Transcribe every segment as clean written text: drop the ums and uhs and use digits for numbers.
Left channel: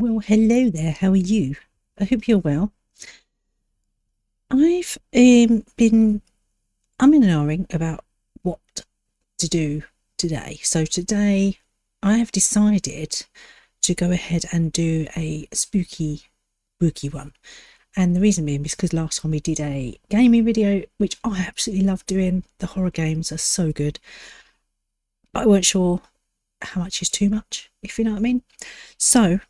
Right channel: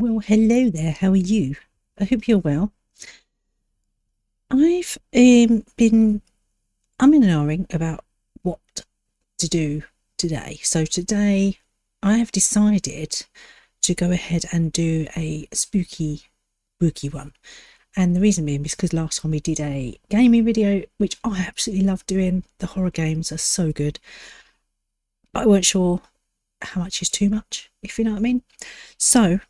Well, hello there. How are you? I hope you're well. I've been umming and ahhing about what to do today. So today I have decided to go ahead and do a spooky one. And the reason being is because last time we did a gaming video, which I absolutely love doing. The horror games are so good. But I weren't sure how much is too much, if you know what I mean. So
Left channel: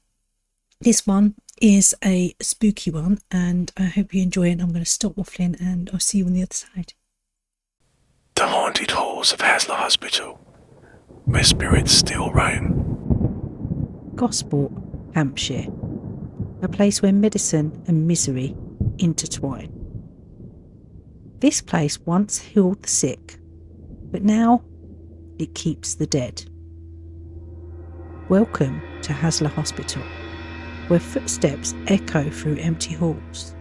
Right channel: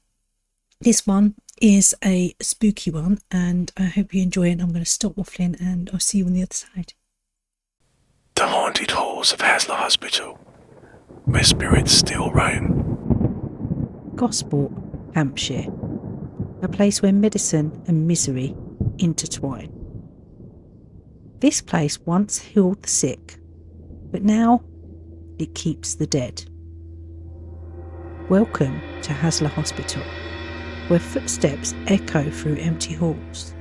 this one is a spooky one, and I hope you enjoy it. I'm going to stop waffling and I'll see you on the other side. The haunted halls of Haslar Hospital, where spirits still roam. Gosport, Hampshire, a place where medicine and misery intertwine. This place once healed the sick, but now it keeps the dead. Welcome to Haslar Hospital, where footsteps echo through empty halls,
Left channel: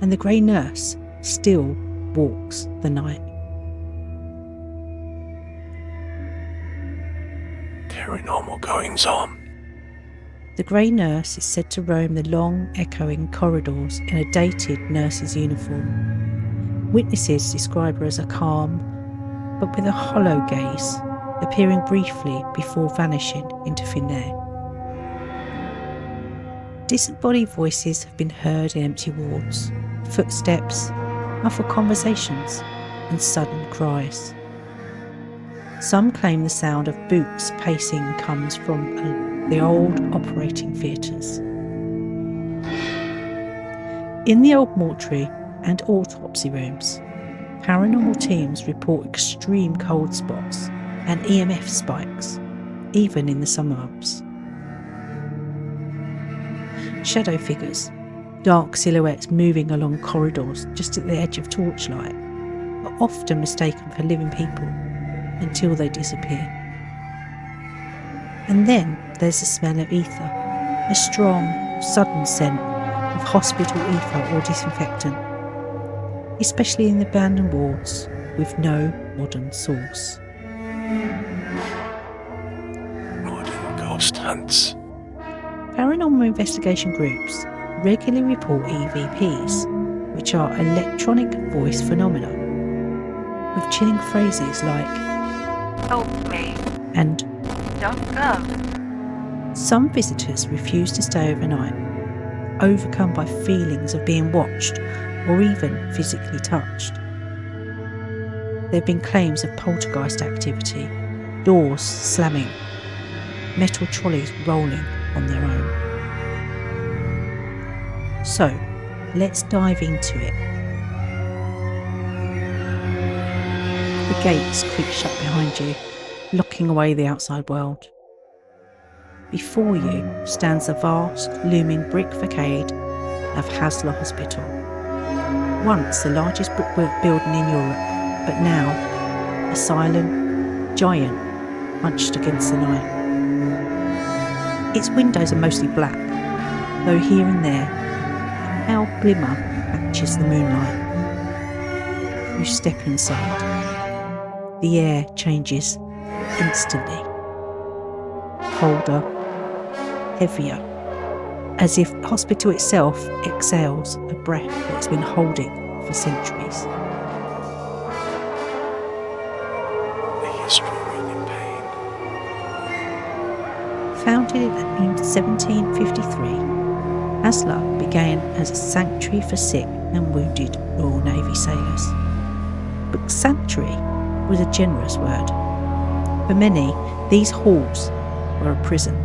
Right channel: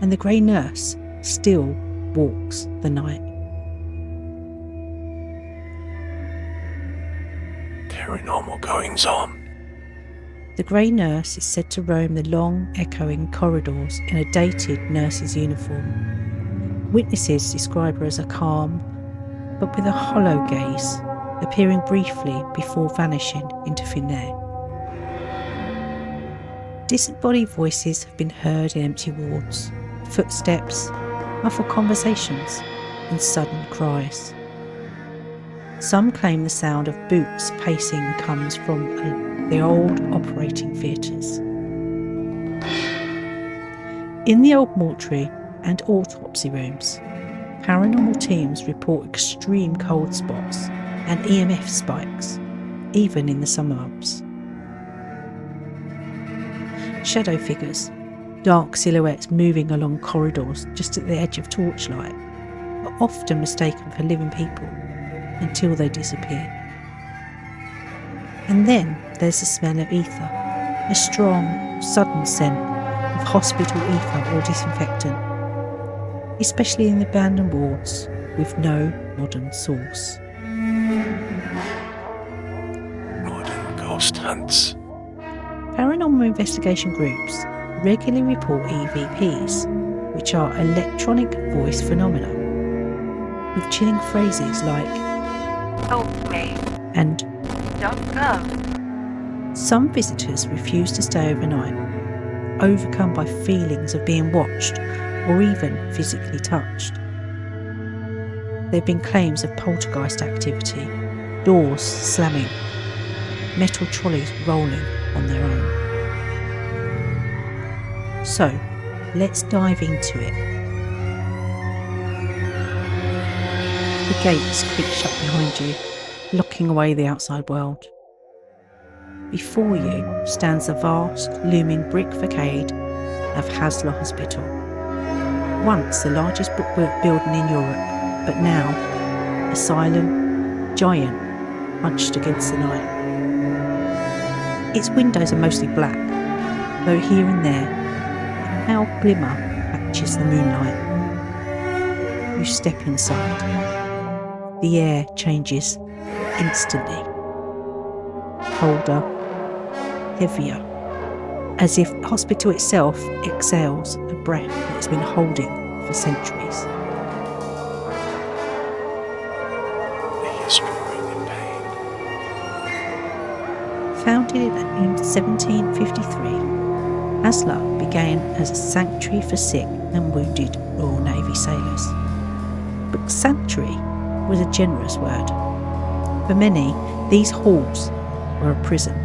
and the grey nurse still walks the night. Paranormal goings on. The grey nurse is said to roam the long, echoing corridors in a dated nurse's uniform. Witnesses describe her as a calm, but with a hollow gaze, appearing briefly before vanishing into thin air. Disembodied voices have been heard in empty wards, footsteps, muffled conversations, and sudden cries. Some claim the sound of boots pacing comes from the old operating theatres. In the old mortuary and autopsy rooms, paranormal teams report extreme cold spots and EMF spikes, even in the summer months. Shadow figures, dark silhouettes moving along corridors just at the edge of torchlight, are often mistaken for living people until they disappear. And then there's the smell of ether, a strong, sudden scent of hospital ether or disinfectant, especially in the abandoned wards with no modern source. Modern ghost hunts. Paranormal investigation groups regularly report EVPs, which are electronic voice phenomena, with chilling phrases like "Help me" and "Don't go." some visitors refuse to stay overnight, overcome by feelings of being watched or even physically touched. There have been claims of poltergeist activity, doors slamming, metal trolleys rolling on their own. So, let's dive into it. The gates creak shut behind you, locking away the outside world. Before you stands the vast, looming brick facade of Haslar Hospital. Once the largest brickwork building in Europe, but now a silent giant hunched against the night. Its windows are mostly black, though here and there a pale glimmer catches the moonlight. You step inside. The air changes instantly. Colder, heavier, as if the hospital itself exhales a breath that it's been holding for centuries. A history written in pain. Founded in 1753, Haslar began as a sanctuary for sick and wounded Royal Navy sailors. But sanctuary was a generous word. For many, these halls were a prison.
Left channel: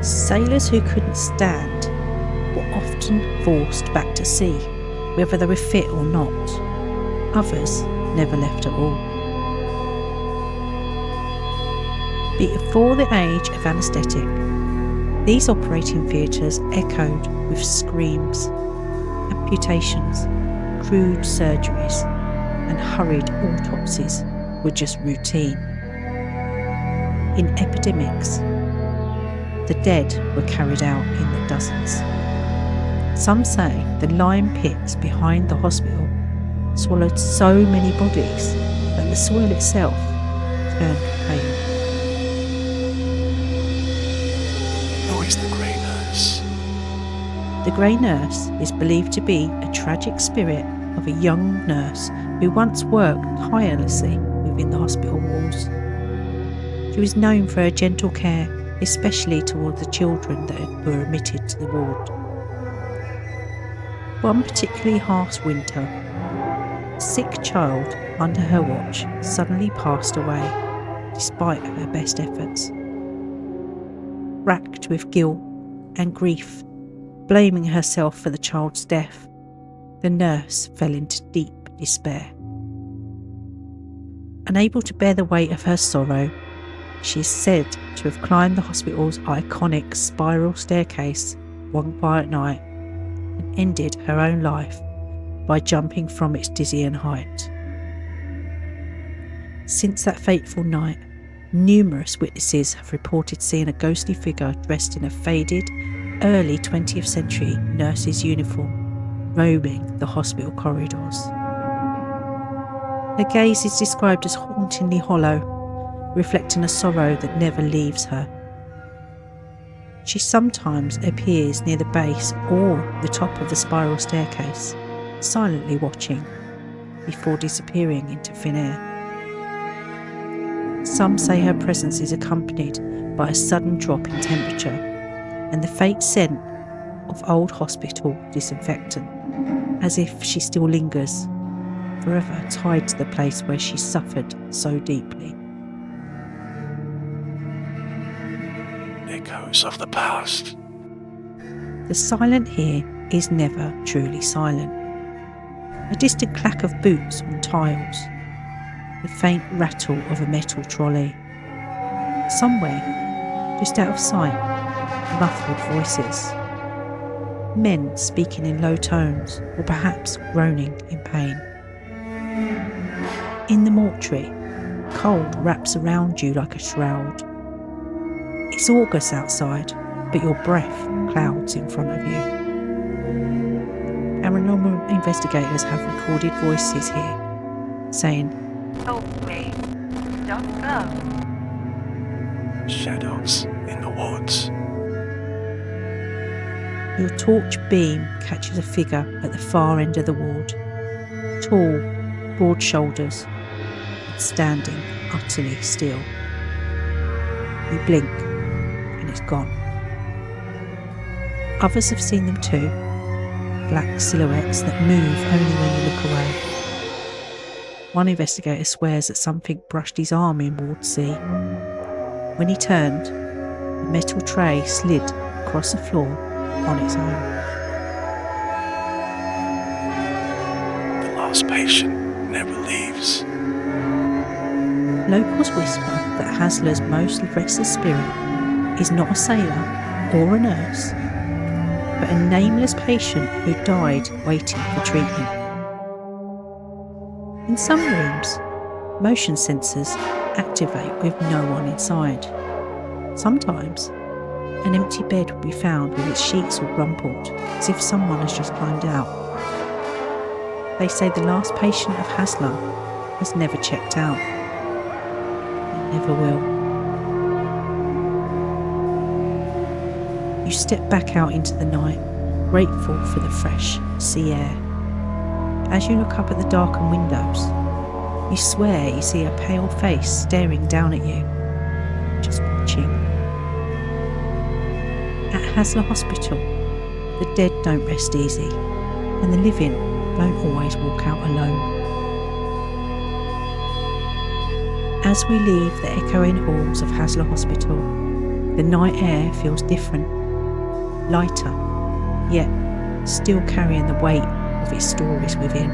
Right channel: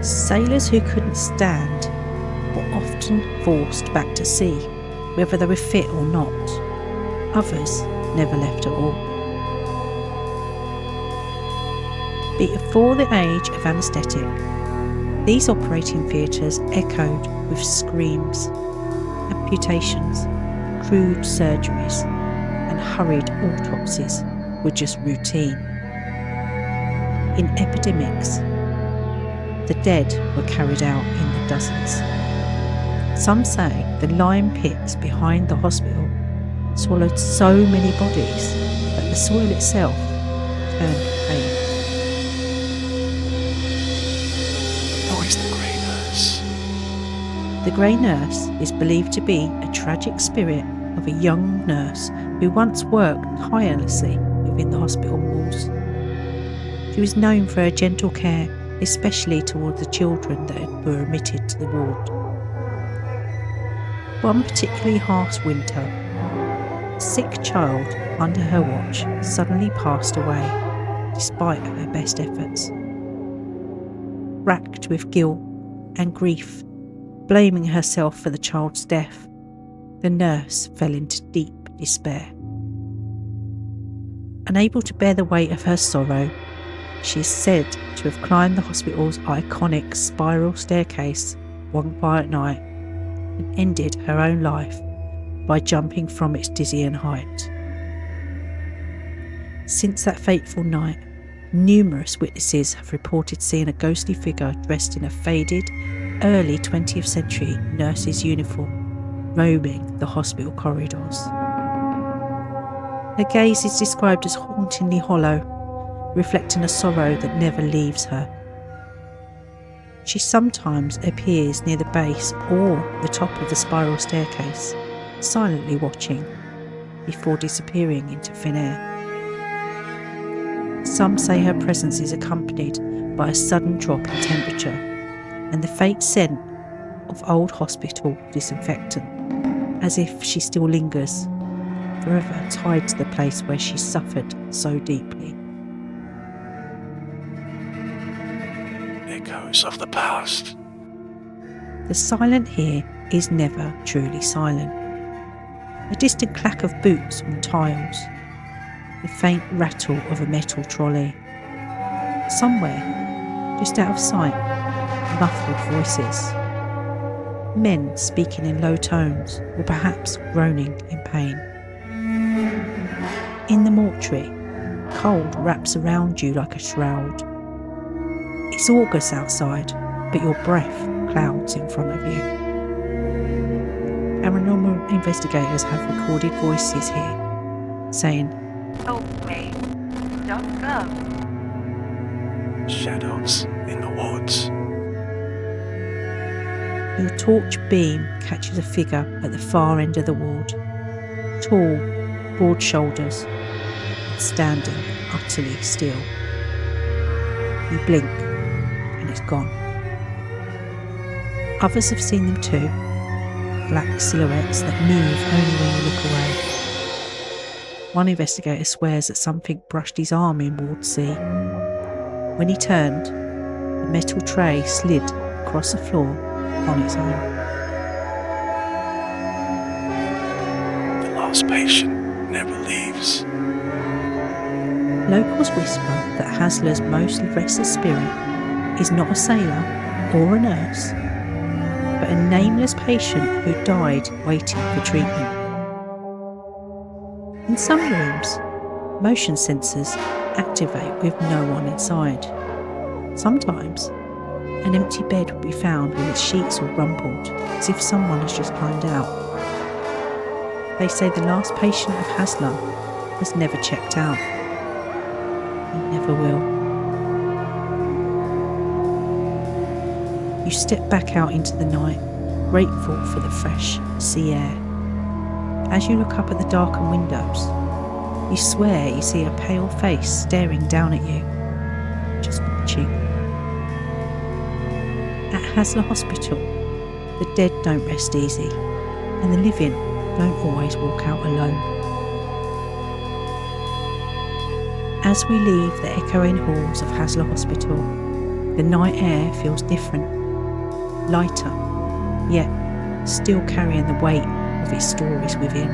Sailors who couldn't stand were often forced back to sea, whether they were fit or not. Others never left at all. Before the age of anaesthetic, these operating theatres echoed with screams, amputations, crude surgeries, and hurried autopsies were just routine. In epidemics, the dead were carried out in the dozens. Some say the lime pits behind the hospital swallowed so many bodies that the soil itself turned pale. Who is the grey nurse? The grey nurse is believed to be a tragic spirit of a young nurse who once worked tirelessly within the hospital walls. She was known for her gentle care, especially towards the children that were admitted to the ward. One particularly harsh winter, a sick child under her watch suddenly passed away, despite her best efforts. Racked with guilt and grief, blaming herself for the child's death, the nurse fell into deep despair. Unable to bear the weight of her sorrow, she is said to have climbed the hospital's iconic spiral staircase one quiet night and ended her own life by jumping from its dizzying height. Since that fateful night, numerous witnesses have reported seeing a ghostly figure dressed in a faded, early 20th century nurse's uniform roaming the hospital corridors. Her gaze is described as hauntingly hollow, reflecting a sorrow that never leaves her. She sometimes appears near the base or the top of the spiral staircase, silently watching, before disappearing into thin air. Some say her presence is accompanied by a sudden drop in temperature and the faint scent of old hospital disinfectant, as if she still lingers, forever tied to the place where she suffered so deeply. Echoes of the past. The silent here is never truly silent. A distant clack of boots on tiles, the faint rattle of a metal trolley. Somewhere, just out of sight, muffled voices. Men speaking in low tones, or perhaps groaning in pain. In the mortuary, cold wraps around you like a shroud. It's August outside, but your breath clouds in front of you. Paranormal investigators have recorded voices here, saying, Help me. Don't go. Shadows in the woods. Your torch beam catches a figure at the far end of the ward. Tall, broad shoulders, and standing utterly still. You blink, and it's gone. Others have seen them too. Black silhouettes that move only when you look away. One investigator swears that something brushed his arm in Ward C. When he turned, a metal tray slid across the floor on its own. The last patient never leaves. Locals whisper that Haslar's most restless spirit is not a sailor or a nurse, but a nameless patient who died waiting for treatment. In some rooms, motion sensors activate with no one inside. Sometimes, an empty bed will be found with its sheets all rumpled, as if someone has just climbed out. They say the last patient of Haslar has never checked out, and never will. You step back out into the night, grateful for the fresh sea air. As you look up at the darkened windows, you swear you see a pale face staring down at you, just watching. At Haslar Hospital, the dead don't rest easy, and the living don't always walk out alone. As we leave the echoing halls of Haslar Hospital, the night air feels different, lighter, yet still carrying the weight of its stories within.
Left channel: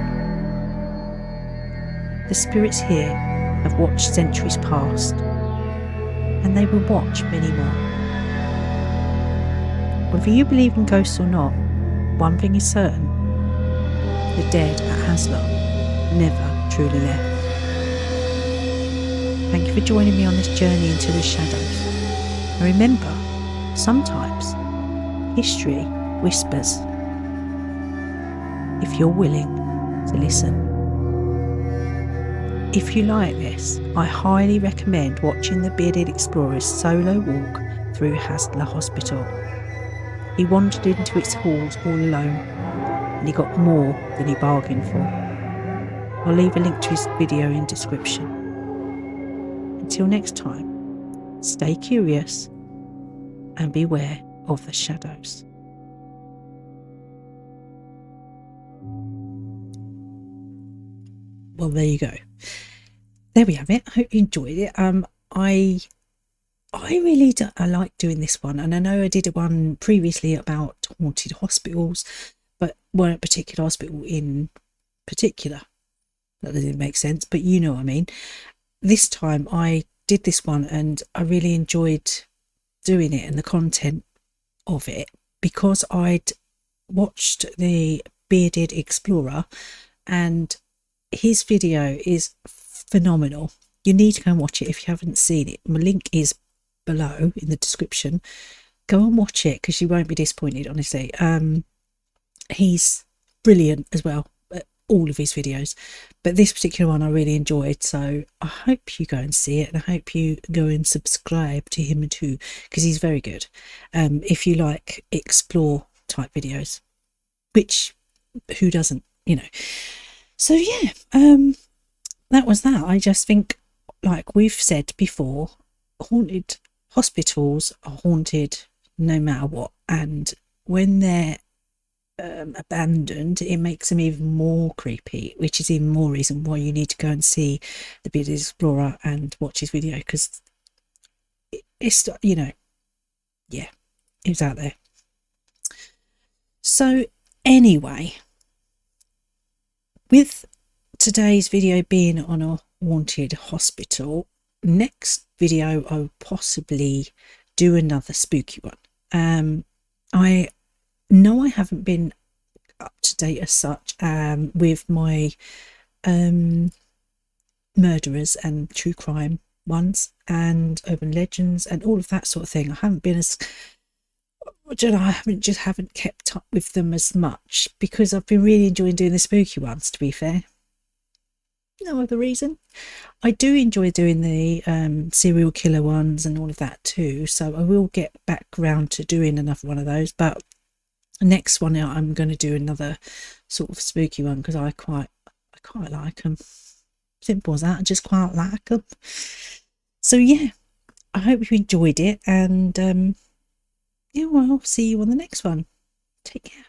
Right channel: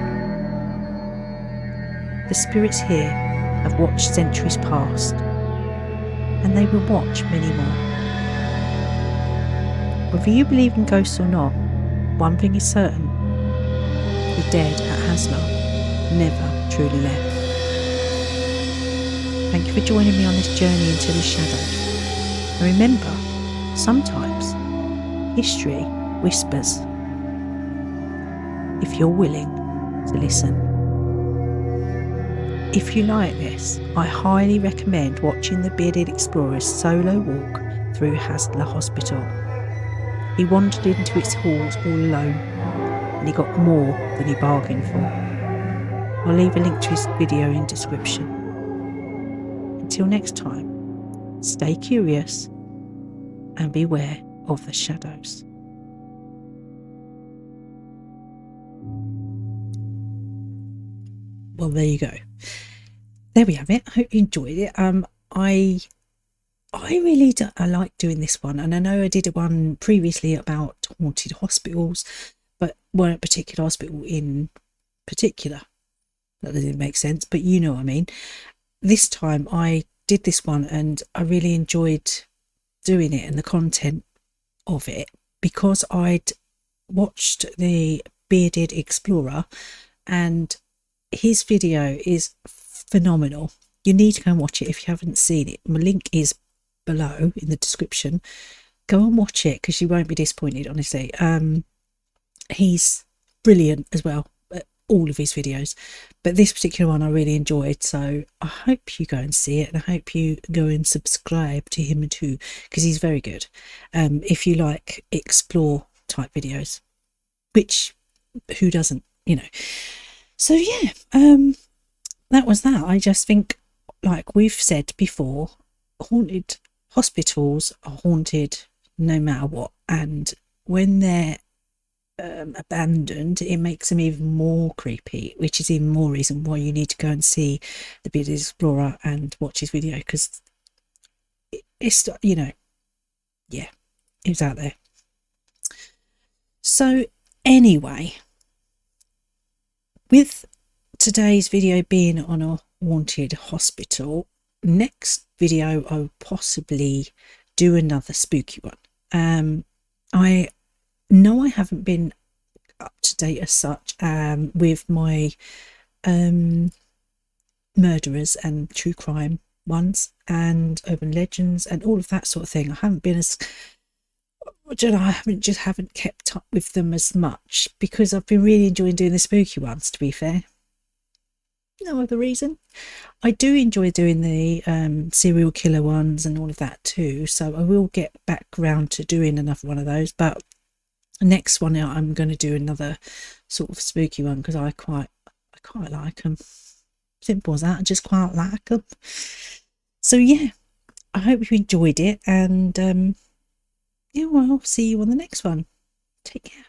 The spirits here have watched centuries past, and they will watch many more. Whether you believe in ghosts or not, one thing is certain: the dead at Haslar never truly left. Thank you for joining me on this journey into the shadows. And remember, sometimes history whispers, if you're willing to listen. If you like this, I highly recommend watching the Bearded Explorer's solo walk through Haslar Hospital. He wandered into its halls all alone, and he got more than he bargained for. I'll leave a link to his video in description. Until next time, stay curious and beware of the shadows. Well, there you go. There we have it. I hope you enjoyed it. I really I like doing this one, and I know I did one previously about haunted hospitals, but weren't a particular hospital in particular. That doesn't make sense, but you know what I mean. This time I did this one and I really enjoyed doing it and the content of it, because I'd watched the Bearded Explorer and his video is phenomenal. You need to go and watch it if you haven't seen it. My link is below in the description. Go and watch it because you won't be disappointed, honestly. He's brilliant as well at all of his videos, but this particular one I really enjoyed, so I hope you go and see it, and I hope you go and subscribe to him too, because he's very good. If you like explore type videos, which who doesn't, you know. So yeah, that was that. I just think, like we've said before, haunted hospitals are haunted no matter what, and when they're abandoned, it makes them even more creepy, which is even more reason why you need to go and see the Bearded Explorer and watch his video, because it's, you know, yeah, it's out there. So anyway, with today's video being on a haunted hospital, next video I'll possibly do another spooky one. I know I haven't been up to date as such with my murderers and true crime ones and urban legends and all of that sort of thing. I haven't been as, I don't know, I haven't kept up with them as much because I've been really enjoying doing the spooky ones, to be fair. No other reason. I do enjoy doing the serial killer ones and all of that too, so I will get back round to doing another one of those, but next one out I'm going to do another sort of spooky one because I quite like them. Simple as that. I just quite like them. So yeah, I hope you enjoyed it, and yeah, well, I'll see you on the next one. Take care.